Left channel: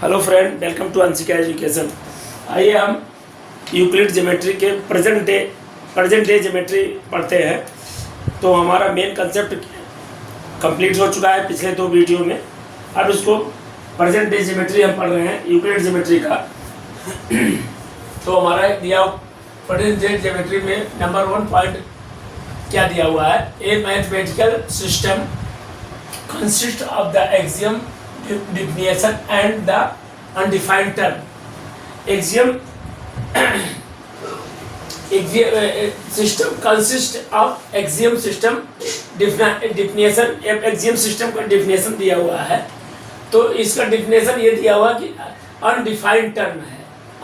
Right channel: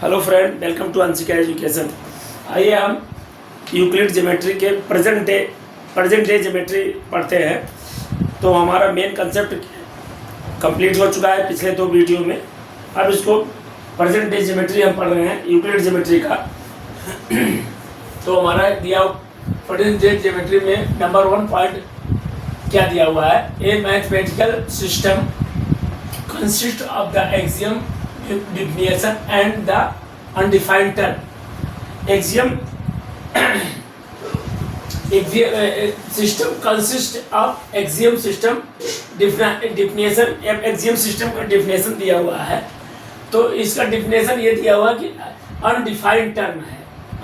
Hello friend, welcome to Anshika education. आइए हम Euclid geometry के प्रेजेंट डे ज्योमेट्री पढ़ते हैं। तो हमारा मेन कंसेप्ट कंप्लीट हो चुका है पिछले 2 वीडियो में। अब इसको प्रेजेंट डे ज्योमेट्री हम पढ़ रहे हैं यूक्लिड ज्योमेट्री का। तो हमारा दिया प्रेजेंट डे ज्योमेट्री में नंबर 1 पॉइंट क्या दिया हुआ है? ए mathematical system consist of the axiom, definition and the undefined term. Axiom system consists of axiom system definition. axiom system का definition दिया हुआ है, तो इसका definition ये दिया हुआ कि undefined term है।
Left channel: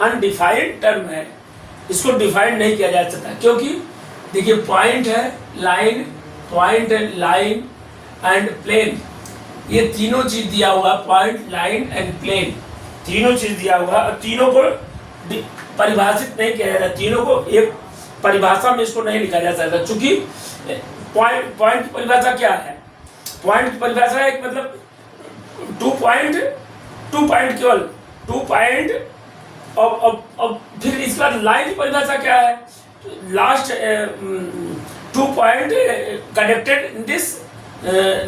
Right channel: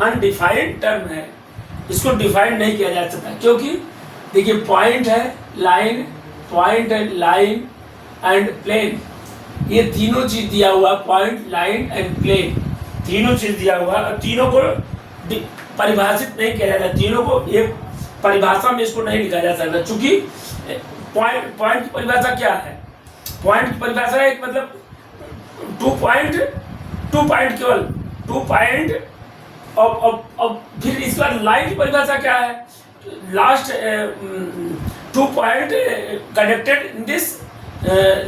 undefined term है, इसको define नहीं किया जा सकता, क्योंकि देखिए पॉइंट है, लाइन एंड प्लेन, ये तीनों चीज दिया हुआ, पॉइंट, लाइन एंड प्लेन, तीनों चीज दिया हुआ और तीनों को परिभाषित नहीं किया जाता। तीनों को एक परिभाषा में इसको नहीं लिखा जा सकता, चूंकि पॉइंट की परिभाषा क्या है? पॉइंट की परिभाषा एक मतलब 2 पॉइंट केवल 2 पॉइंट। अब फिर इसका लाइन की परिभाषा क्या है? Last 2 point connected in this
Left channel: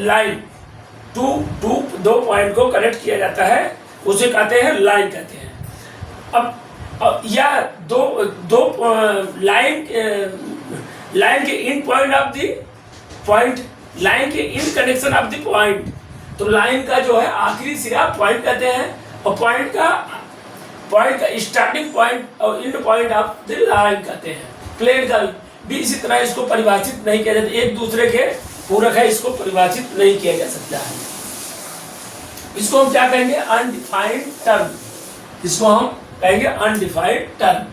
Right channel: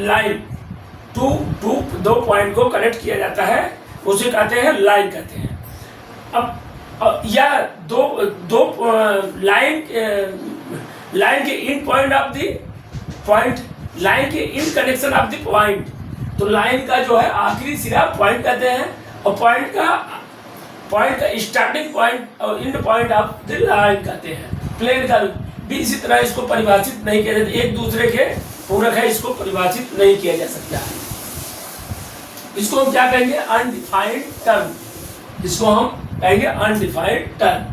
line, 2 point को कनेक्ट किया जाता है, उसे कहते हैं लाइन कहते हैं। अब या दो लाइन के in point of the point, line के in connection of the point, तो लाइन का जो है आखिरी सिरा पॉइंट कहते हैं, और पॉइंट का स्टार्टिंग पॉइंट और and point of the line कहते हैं। प्लेन का भी इसी तरह इसको परिभाषित नहीं किया जाता, एक दूसरे के पूरक है, इसको परिभाषित नहीं किया जा सकता है। इसको हम क्या कहेंगे? Undefined term. इसको हम कहेंगे अनडिफाइंड टर्म।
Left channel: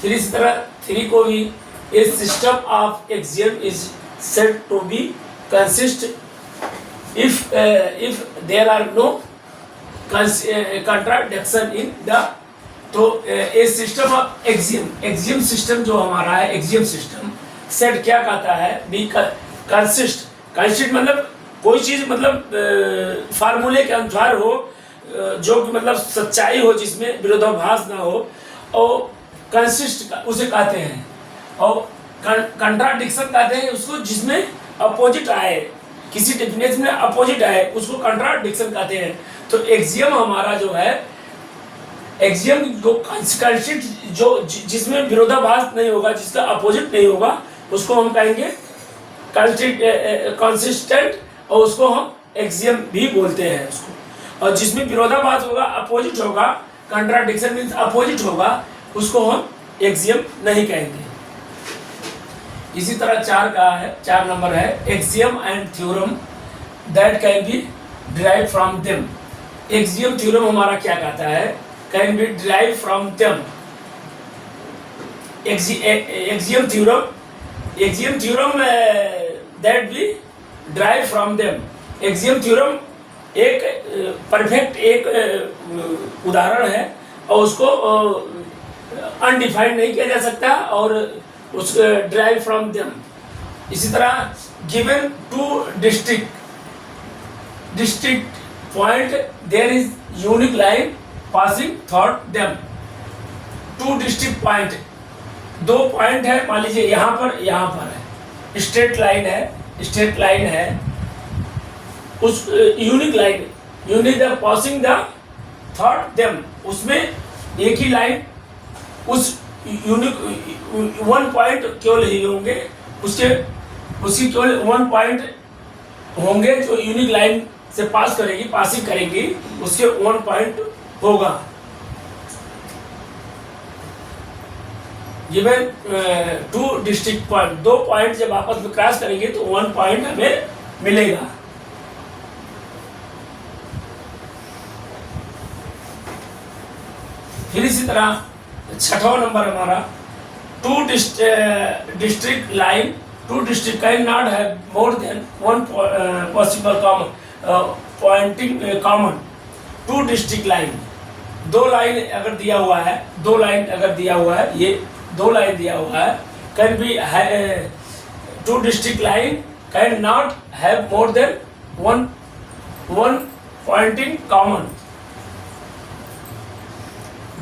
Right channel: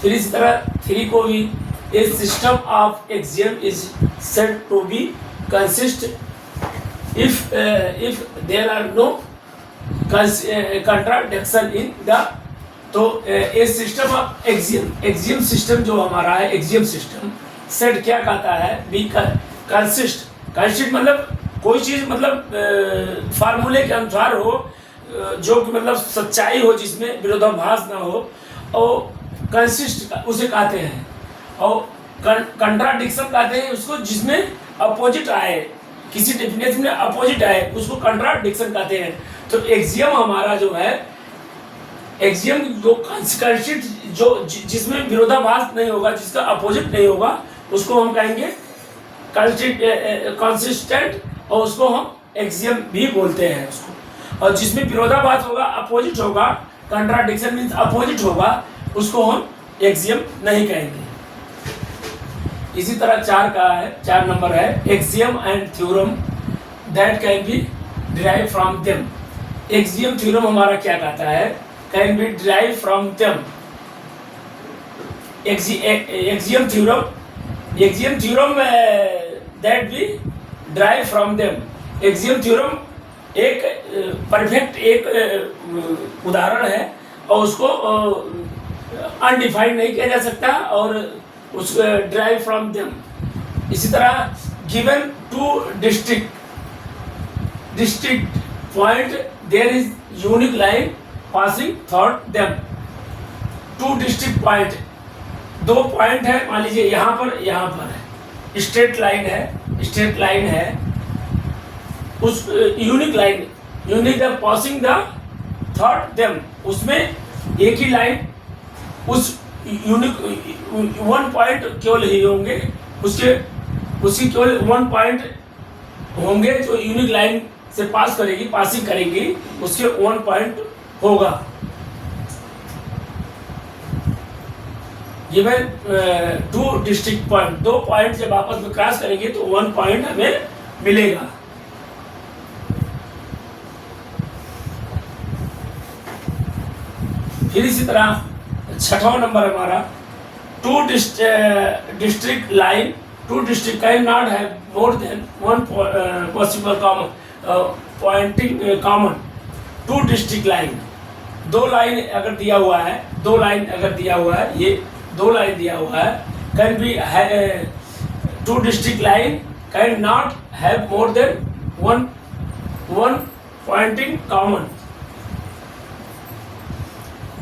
फिर इसी तरह 3 को भी, a system of axiom is said to be consist if there are no contradiction in the, तो a system of axiom system जो हमारा है, एक्सियम सिस्टम सेट क्या कहता है? बी कंसिस्ट मतलब कोई चीज मतलब फार्मूले के अनुसार हो, जो कि मतलब सच्चाई हो, जिसमें विरोधाभास ना हो, और कंसिस्ट उसे कहते हैं, और कंट्राडिक्शन कहते हैं उसको जिसमें अपोजिट आए, किसी डेफिनेशन में अपोजिट आए, उसको कंट्राडिक्शन कहते हैं। तो एक्सियम हमारा जो है, एक्सियम जो कंसिस्ट, जो जिसमें विरोधाभास नहीं होगा, जिसका अपोजिट नहीं होगा, उसको हम कहेंगे कंसिस्टेंट, और उसको हम एक्सियम भी बोलते हैं उसको। और जिसमें विरोधाभास होगा, अपोजिट होगा, कंट्राडिक्शन मींस अपोजिट होगा, उसको हम एक्सियम नहीं कहेंगे। इसी तरह 4 नंबर है, axiom and theorem that can be derive from them. Axiom theorem हमारा क्या कहता है? Can be derive from them. Axiom theorem that be drive from them. Axiom theorem एक परफेक्ट एक उदाहरण है, और उसको अनडिफाइंड नहीं किया जा सकता, और उस ड्राइव फ्रॉम देम। इसी तरह given 2 district point there is unique line passing through them. 2 district point, 2 point है, मान लीजिए यहाँ पर है, स्ट्रेट लाइन है, उस unique the passing the third them, उसमें एक ही लाइन, उस यूनिक 1 पॉइंट केवल ही होंगे, उसकी केवल 1 पॉइंट होंगे, जो यूनिक लाइन से पासिंग करेगी, उसके 1 पॉइंट होगा। गिवन 2 डिस्ट्रिक्ट पॉइंट, 2 पॉइंट जब आपस में क्रॉस करेंगे तो 1 पॉइंट हमें मिलेगा। फिर इसी तरह 6वां नंबर हमारा, 2 district line, 2 district can not have more than 1 possible pointing common. 2 district line, 2 line अगर दिया हुआ है, ये 2 लाइन दिया हुआ है, can be 2 district line can not have more than 1 pointing common.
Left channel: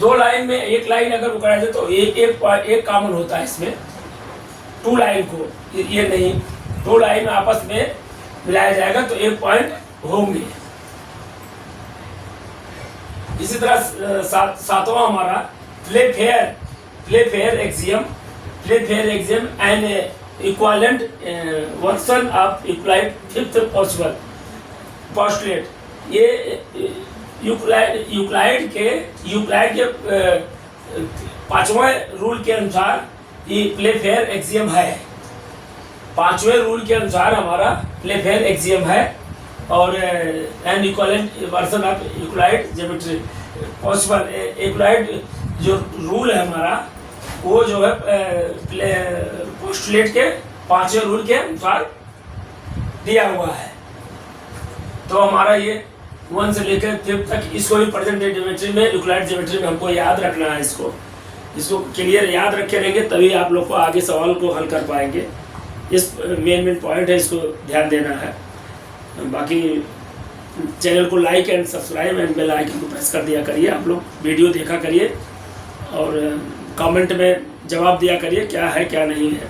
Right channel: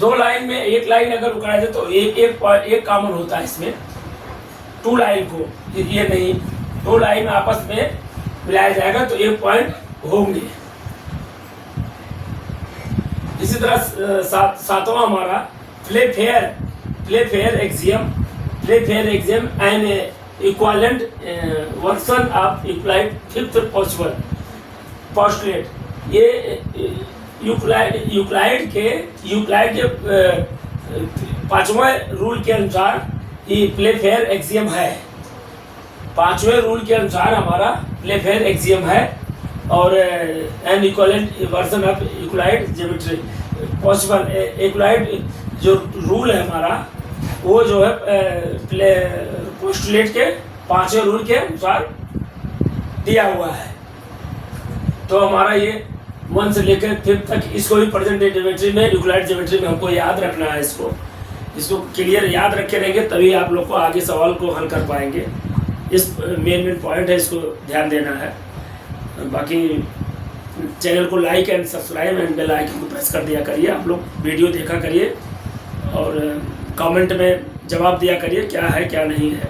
दो लाइन में एक लाइन अगर उकड़ा जाए तो एक कॉमन होता है इसमें, टू लाइन को ये नहीं, दो लाइन आपस में मिलाया जाएगा तो एक पॉइंट होंगे। इसी तरह सातवां हमारा play fair axiom and equivalent version of Euclid fifth postulate. ये यूक्लाइड के पांचवें रूल के अनुसार ये प्ले फेयर एक्सियम है। पांचवें रूल के अनुसार हमारा प्ले फेयर एक्सियम है और an equivalent version of Euclid geometry possible. Euclid जो रूल है हमारा वो जो है प्ले पोस्टुलेट के पांचवें रूल के अनुसार दिया हुआ है। तो हमारा ये 1 से लेकर 5 तक इसको भी प्रेजेंट डे ज्योमेट्री में, यूक्लिड ज्योमेट्री में हमको याद रखना है। इसको क्लियर याद रखे रहेंगे तभी आप लोग को आगे सवाल को हल कर पाएंगे। इस मेन पॉइंट है, इसको ध्यान देना है। बाकी चैनल को like and subscribe and bell icon को प्रेस कर दिया करिए। आप लोग वीडियो देखा करिए और कमेंट में जवाब दिया करिए क्या है क्या नहीं है।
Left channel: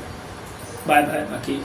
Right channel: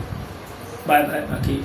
Bye bye. बाकी